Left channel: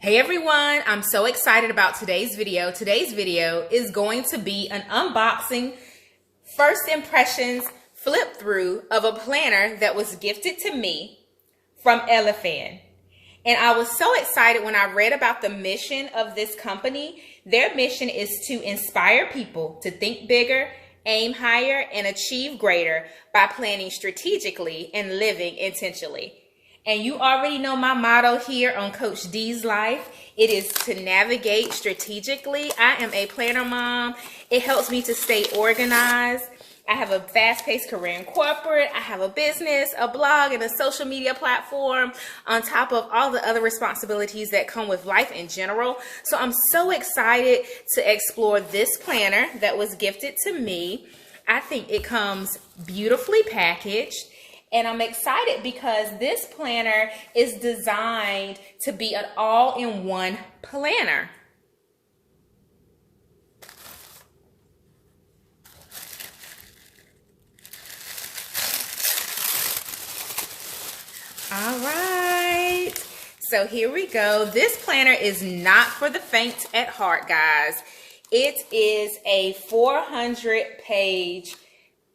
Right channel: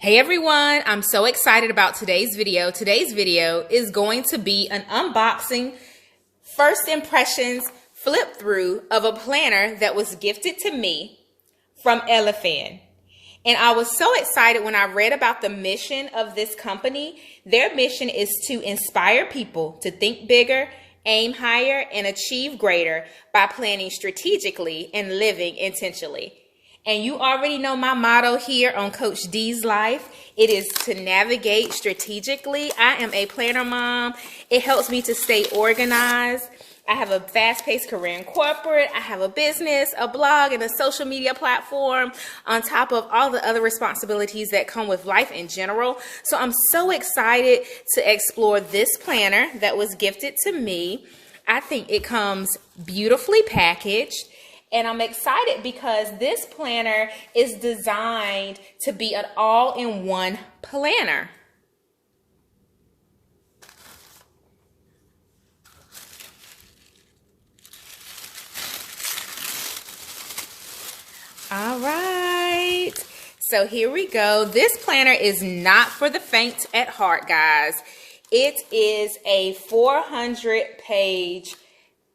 Hey everyone, I'm so excited about today's video. Today's video is going to be an unboxing, first impressions flip through of a planner that was gifted to me from Elefan. And I was so excited when I read about the mission of this company. Their mission is to inspire people to think bigger, aim higher, and achieve greater by planning strategically and living intentionally. And you already know my motto here on Coach D's Life. It is to navigate strategically. I am a planner mom. It helps me to stay organized. I have a fast-paced career in corporate. I have a business, a blog, and a social media platform on top of all the other responsibilities that come with life in general. So I'm so excited to explore this planner that was gifted to me. I think it comes beautifully packaged. And I'm excited because this planner is designed to be an all-in-one planner. All right, so here we go. This planner is not for the faint at heart, guys. It is a 400-page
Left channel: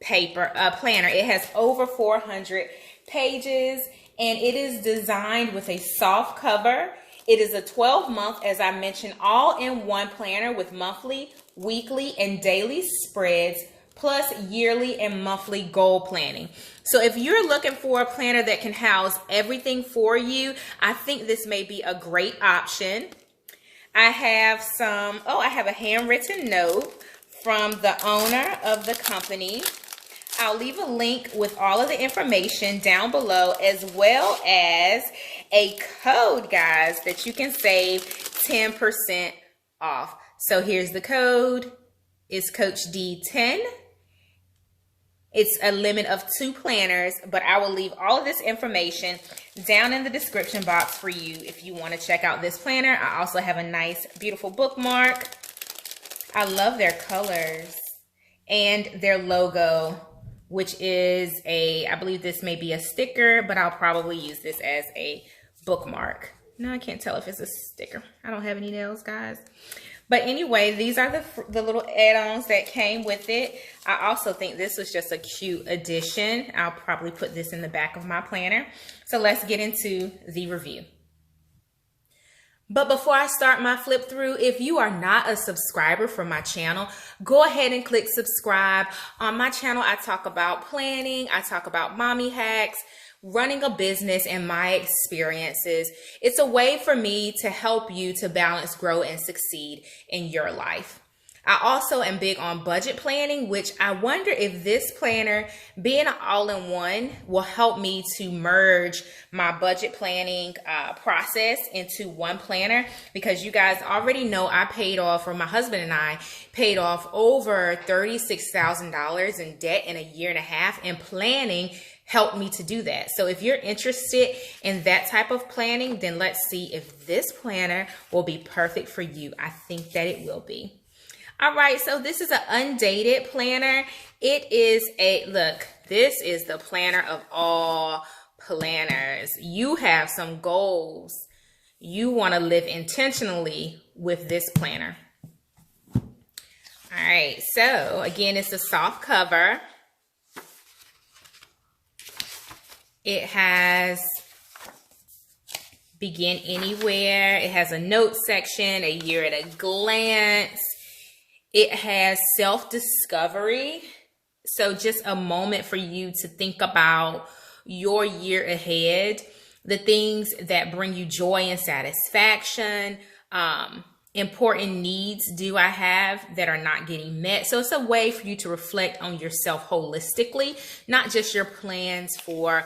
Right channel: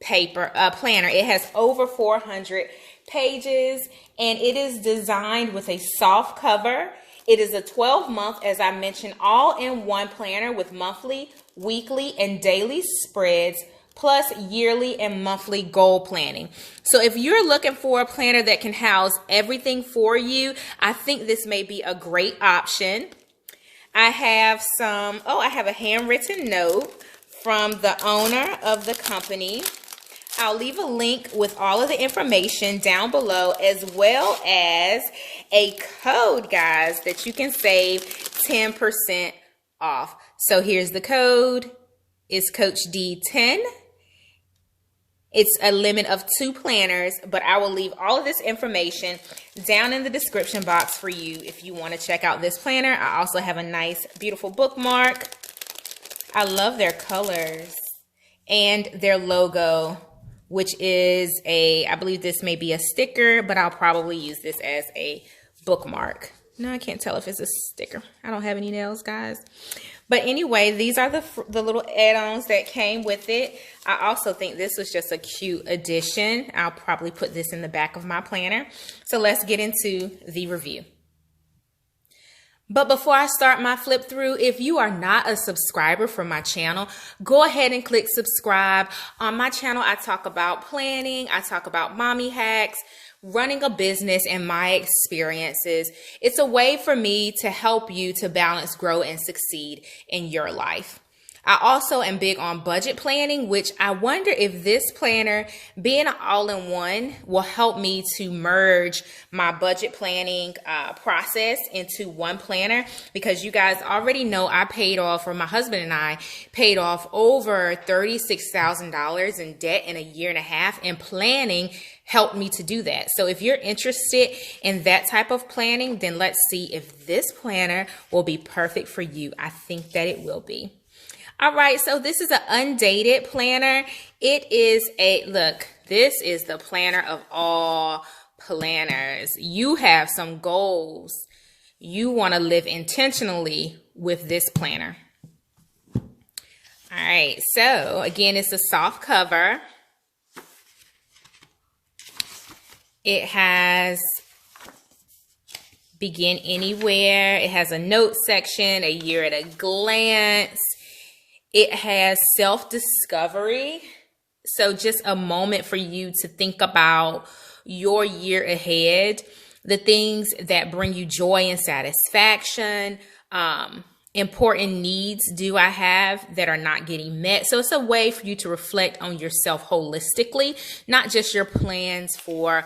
planner. It has over 400 pages and it is designed with a soft cover. It is a 12-month, as I mentioned, all-in-one planner with monthly, weekly, and daily spreads, plus yearly and monthly goal planning. So if you're looking for a planner that can house everything for you, I think this may be a great option. I have I have a handwritten note from the owner of the company. I'll leave a link with all of the information down below, as well as a code, guys, that you can save 10% off. So here's the code. It's Coach D10. It's a limit of 2 planners, but I will leave all of this information down in the description box for you if you want to check out this planner. I also have a nice, beautiful bookmark. I love their colors and their logo, which is I believe this may be a sticker, but I'll probably use this as a bookmark. No, I can't tell if it's a sticker. I don't have any nails, guys. But anyway, these are the little add-ons that came with it. I also think this was just a cute addition. I'll probably put this in the back of my planner. So let's get into the review. But before I start my flip through, if you are not a subscriber for my channel, go ahead and click subscribe. On my channel, I talk about planning, I talk about mommy hacks, running a business, and my experiences. It's a way for me to help you to balance, grow, and succeed in your life. I also am big on budget planning, which I wonder if this planner, being all-in-one, will help me to merge my budget planning process into one planner, because you guys already know I paid off, or my husband and I paid off, over $36,000 in debt in a year and a half, and planning helped me to do that. So if you're interested in that type of planning, then let's see if this planner will be perfect for you. I think that it will be. All right, so this is an undated planner. It is look, this is the planner of all planners. You have some goals. You want to live intentionally with this planner. All right, so again, it's a soft cover. It has begin anywhere. It has a note section, a year at a glance. It has self-discovery. So just a moment for you to think about your year ahead, the things that bring you joy and satisfaction, important needs do I have that are not getting met. So it's a way for you to reflect on yourself holistically, not just your plans for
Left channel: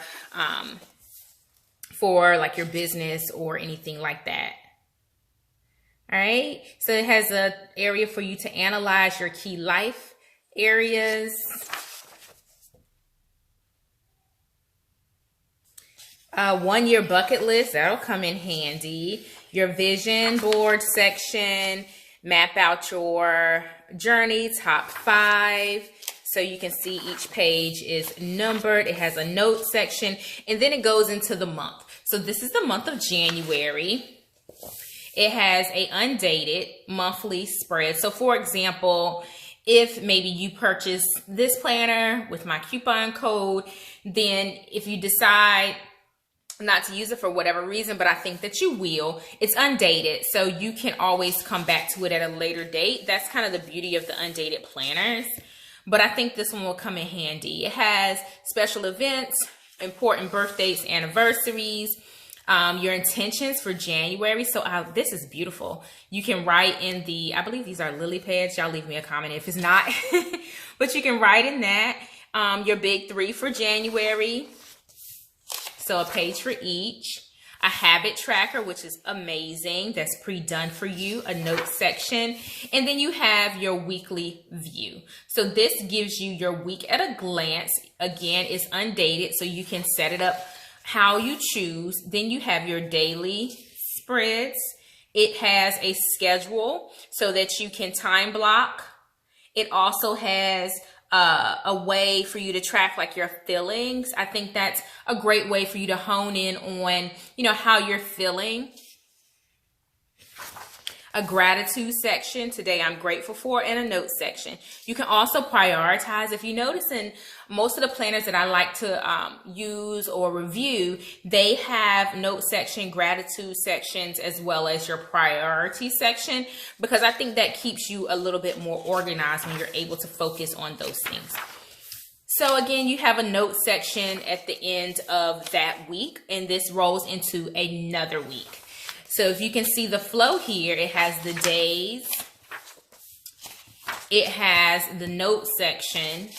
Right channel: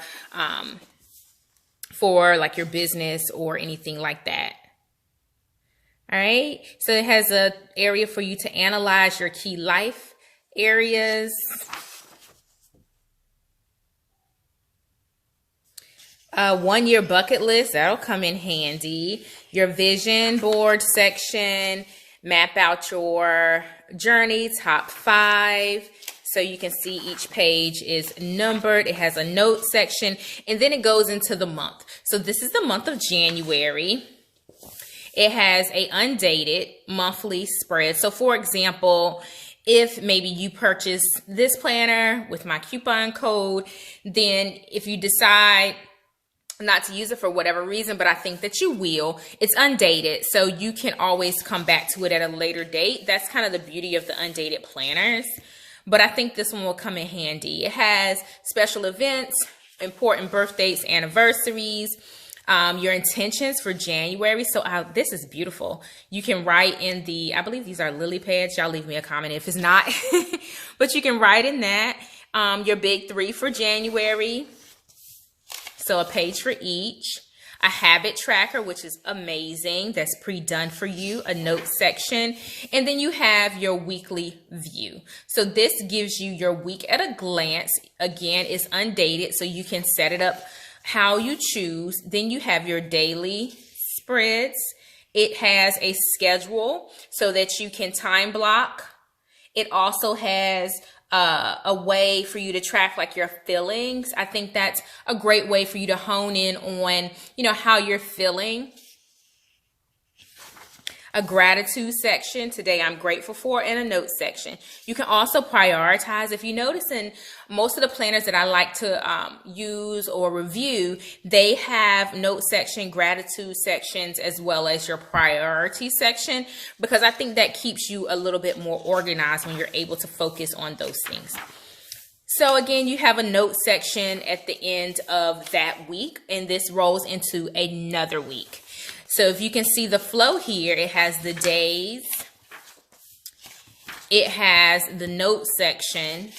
like your business or anything like that. All right, so it has an area for you to analyze your key life areas. One-year bucket list, that'll come in handy. Your vision board section, map out your journey, top 5. So you can see each page is numbered. It has a note section, and then it goes into the month. So this is the month of January. It has a undated monthly spread. So for example, if maybe you purchase this planner with my coupon code, then if you decide not to use it for whatever reason, but I think that you will, it's undated, so you can always come back to it at a later date. That's kind of the beauty of the undated planners. But I think this one will come in handy. It has special events, important birthdays, anniversaries, your intentions for January. So this is beautiful. You can write in the, I believe these are lily pads. Y'all leave me a comment if it's not. But you can write in that your big 3 for January. So a page for each. A habit tracker, which is amazing. That's pre-done for you. A note section. And then you have your weekly view. So this gives you your week at a glance. Again, it's undated, so you can set it up how you choose. Then you have your daily spreads. It has a schedule so that you can time block. It also has a way for you to track like your feelings. I think that's a great way for you to hone in on, how you're feeling. A gratitude section, today I'm grateful for, and a note section. You can also prioritize. If you notice in most of the planners that I like to use or review, they have note section, gratitude sections, as well as your priority section, because I think that keeps you a little bit more organized when you're able to focus on those things. So again, you have a note section at the end of that week, and this rolls into another week. So if you can see the flow here, it has the days, it has the note section,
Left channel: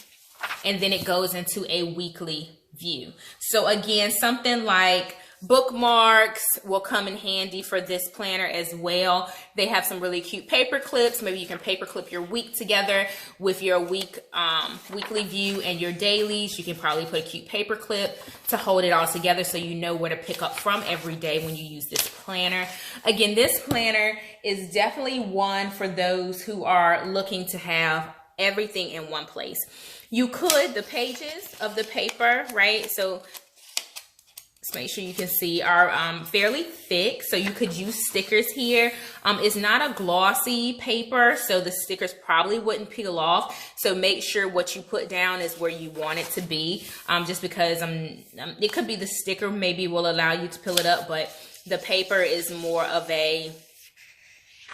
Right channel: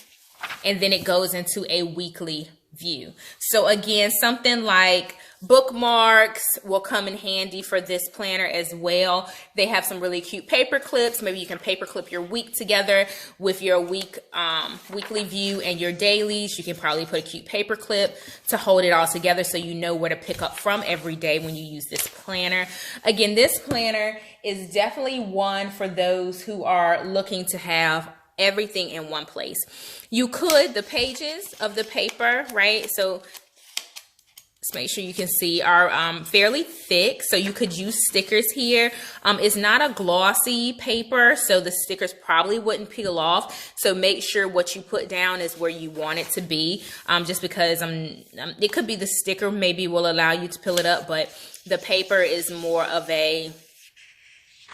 and then it goes into a weekly view. So again, something like bookmarks will come in handy for this planner as well. They have some really cute paper clips. Maybe you can paper clip your week together with your weekly view and your dailies. You can probably put a cute paper clip to hold it all together so you know where to pick up from every day when you use this planner. Again, this planner is definitely one for those who are looking to have everything in one place. You could, the pages of the paper, right? So let's make sure you can see, are fairly thick, so you could use stickers here. It's not a glossy paper, so the stickers probably wouldn't peel off. So make sure what you put down is where you want it to be, just because it could be the sticker maybe will allow you to peel it up, but the paper is more of a,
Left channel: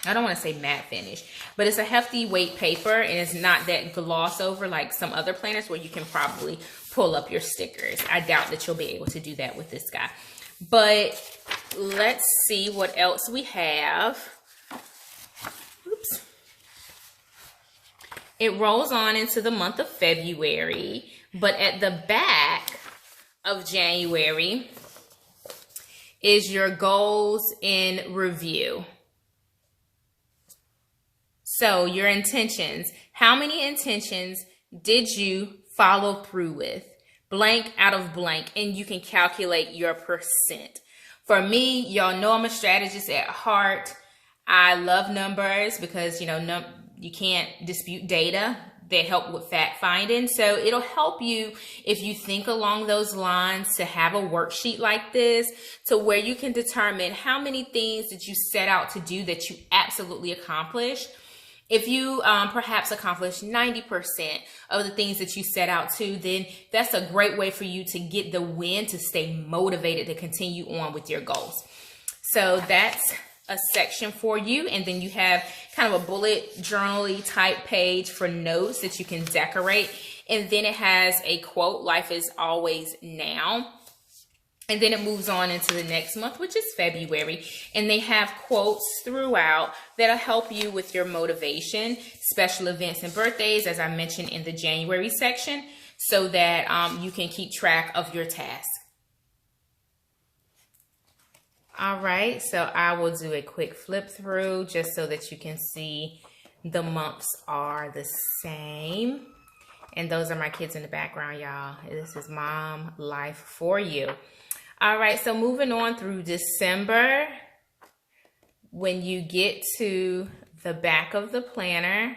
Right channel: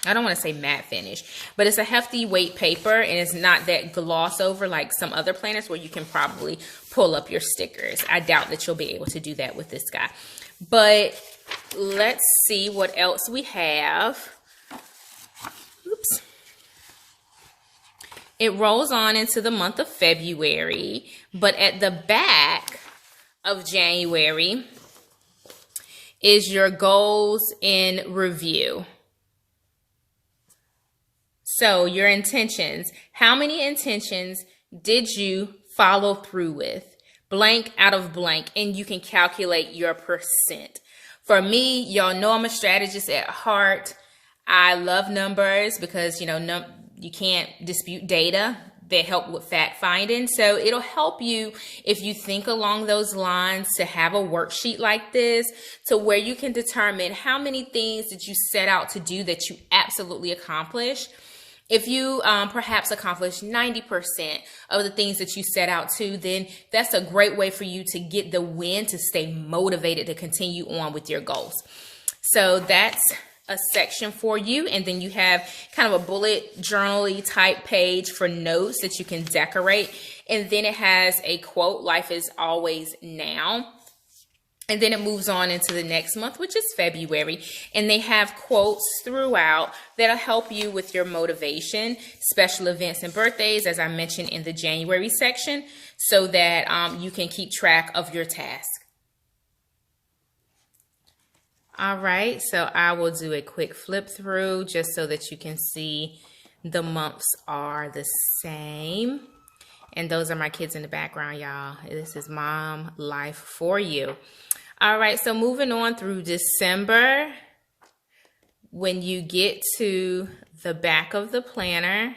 I don't want to say matte finish, but it's a hefty weight paper, and it's not that gloss over like some other planners where you can probably pull up your stickers. I doubt that you'll be able to do that with this guy. But let's see what else we have. Oops. It rolls on into the month of February, but at the back of January is your goals in review. So your intentions, how many intentions did you follow through with? Blank out of blank, and you can calculate your percent. For me, y'all know I'm a strategist at heart. I love numbers because, you can't dispute data. They help with fact finding. So it'll help you if you think along those lines to have a worksheet like this to where you can determine how many things did you set out to do that you absolutely accomplished. If you perhaps accomplish 90% of the things that you set out to, then that's a great way for you to get the win, to stay motivated to continue on with your goals. So that's a section for you. And then you have kind of a bullet journal-y type page for notes that you can decorate. And then it has a quote, life is always now. And then it moves on into the next month, which is February. And they have quotes throughout that'll help you with your motivation, special events and birthdays, as I mentioned in the January section, so that you can keep track of your task. All right, so I will do a quick flip through just so that you can see the months are the same. And those are my kids in the background, y'all. This is mom life for you. All right, so moving on through December, when you get to the back of the planner,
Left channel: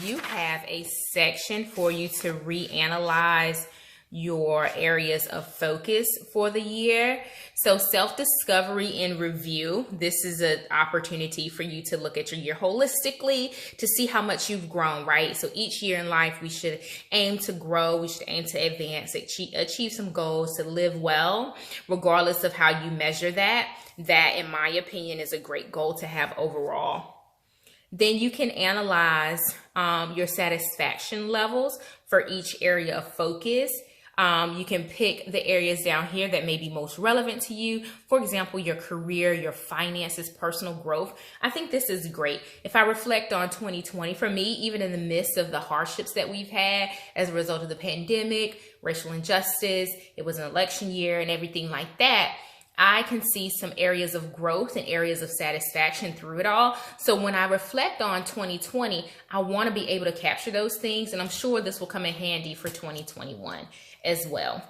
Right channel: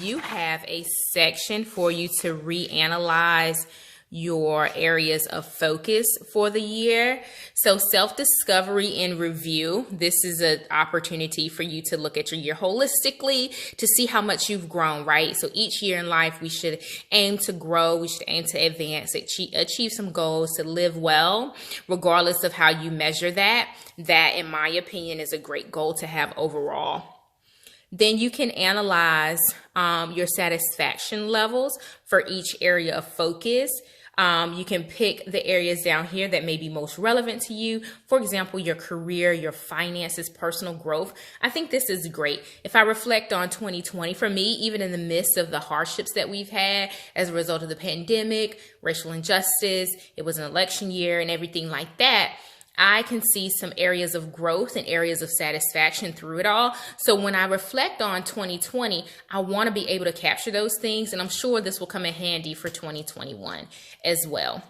you have a section for you to reanalyze your areas of focus for the year. So self-discovery and review. This is an opportunity for you to look at your year holistically to see how much you've grown, right? So each year in life, we should aim to grow. We should aim to advance, achieve some goals, to live well, regardless of how you measure that. That, in my opinion, is a great goal to have overall. Then you can analyze your satisfaction levels for each area of focus. You can pick the areas down here that may be most relevant to you. For example, your career, your finances, personal growth. I think this is great. If I reflect on 2020, for me, even in the midst of the hardships that we've had as a result of the pandemic, racial injustice, it was an election year and everything like that, I can see some areas of growth and areas of satisfaction through it all. So when I reflect on 2020, I want to be able to capture those things. And I'm sure this will come in handy for 2021 as well.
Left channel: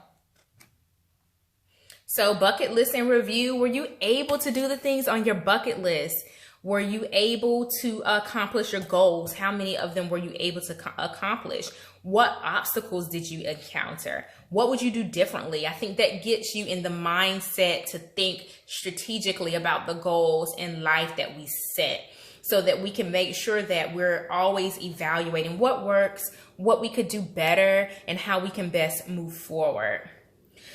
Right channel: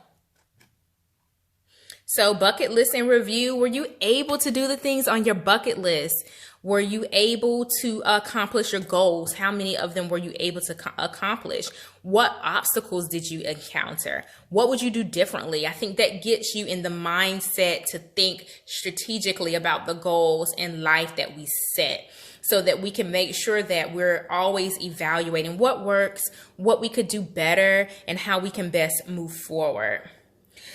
So bucket list and review. Were you able to do the things on your bucket list? Were you able to accomplish your goals? How many of them were you able to accomplish? What obstacles did you encounter? What would you do differently? I think that gets you in the mindset to think strategically about the goals in life that we set, so that we can make sure that we're always evaluating what works, what we could do better, and how we can best move forward.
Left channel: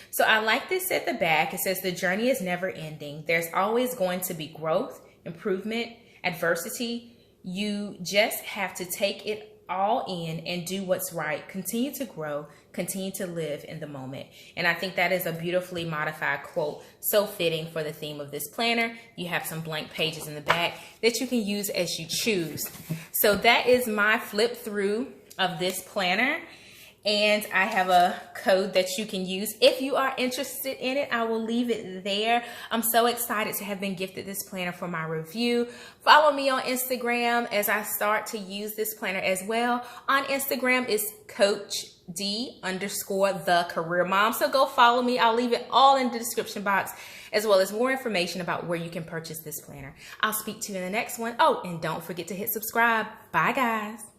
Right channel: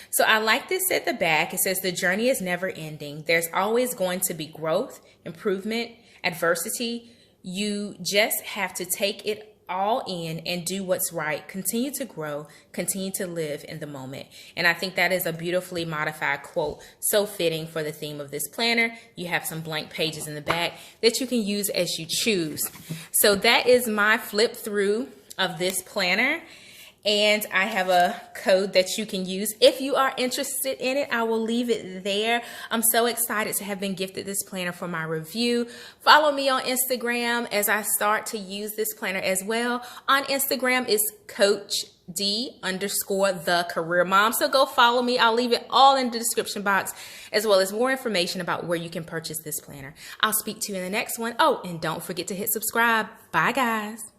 So I like this at the back. It says the journey is never ending. There's always going to be growth, improvement, adversity. You just have to take it all in and do what's right. Continue to grow, continue to live in the moment. And I think that is a beautifully modified quote, so fitting for the theme of this planner. You have some blank pages in the back that you can use as you choose. So that is my flip through of this planner. And I have a code that you can use if you are interested in it. I will leave it there. I'm so excited to have been gifted this planner for my review. Follow me on Instagram as I start to use this planner as well. On Instagram is CoachD_the_career mom. So go follow me. I'll leave it all in the description box, as well as more information about where you can purchase this planner. I'll speak to you in the next one. Oh, and don't forget to hit subscribe. Bye, guys.